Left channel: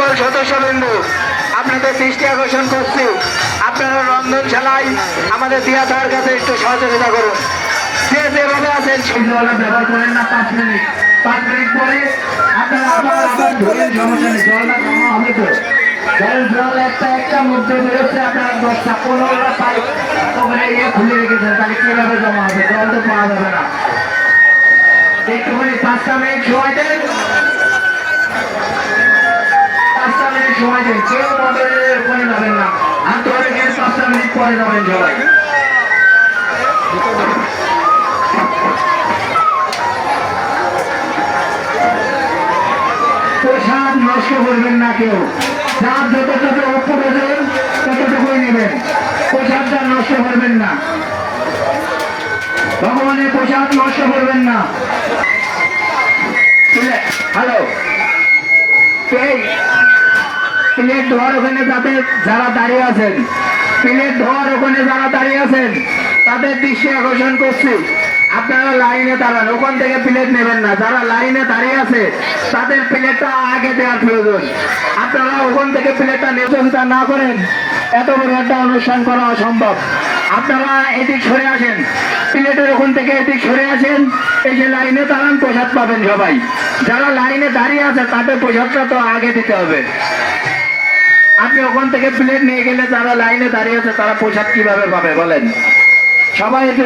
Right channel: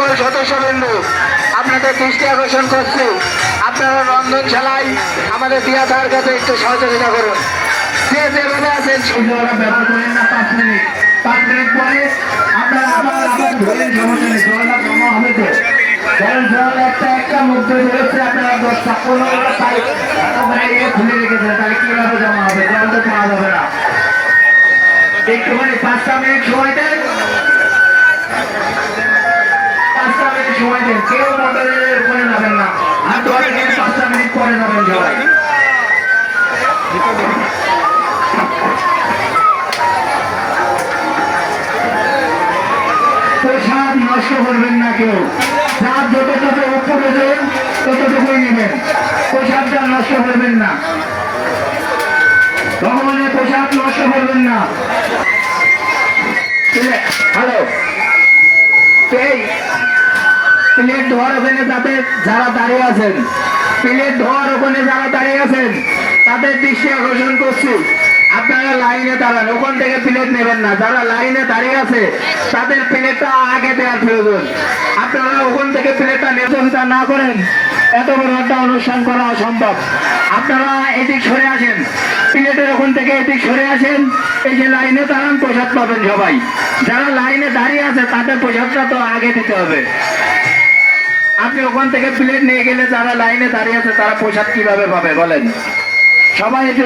সকল সদস্যবৃন্দ আপনাদের দৃষ্টি আকর্ষণ করছি, আপনারা রন্ধনশালায় আমাদের দিয়া তার কাছে একটু সহযোগিতা করুন। যে যেভাবে আছেন সেই জলটা ব্যবহার করেন না। 5 মিনিট পরে আপনারা আবার ধরেন, সমস্যা নেই, জলটা জমা হবে তো। কারণ জল একটা মধ্যে বেরোচ্ছে, আপনারা 10টা-15টা পাইপ ওখানে খুলে রেখেছেন, তাহলে কিভাবে জমা হবে? জল তো পাওয়া যাবে না। একটুখানি 5টা মিনিট সময় দেন, 5টা মিনিট সময় দেন। কেউ মোটরের ওখানে যাবেন না, আমি তো 5টা মিনিট পরে যাবেন সবাই। প্রসাদ নষ্ট করবেন না কেউ, যার যত প্রয়োজন ততটুকুই নেবেন, প্রসাদটা নষ্ট করবেন না। ভগবানের প্রসাদ নষ্ট করবেন না। হ্যালো, এই প্লেট ধোয়ার ওখানে যারা দাঁড়িয়ে আছেন, প্লেট ধোয়ার ওখানে যারা দাঁড়িয়ে আছেন তাদের দৃষ্টি আকর্ষণ করছি, আপনারা লাইনে দাঁড়ান, ওখান থেকে প্লেট নেবেন না। যারা লাইনে দাঁড়িয়ে আছে তাদের প্লেটটা আগে দেওয়ার প্রয়োজন। আপনারা ওখান থেকে প্লেটটা নির্যাতনটা না করেন, এত বড় একটা অনুষ্ঠান করা অসম্ভব। আপনারা এদিক সরে আসেন, প্লেটের ওখান থেকে এদিক সরে আসেন, এই যে লাইনে দাঁড়ান, প্রসাদ পাবেন সবাই। যারা লাইনে দাঁড়িয়ে আছে তাদের প্রসাদটা তো আগে দিতে হবে। আপনি ওখান থেকে প্লেট নিয়ে গেলে যারা লাইনে দাঁড়িয়ে আছে তারা প্রসাদ কিভাবে পাবে বলেন? সবাই একটু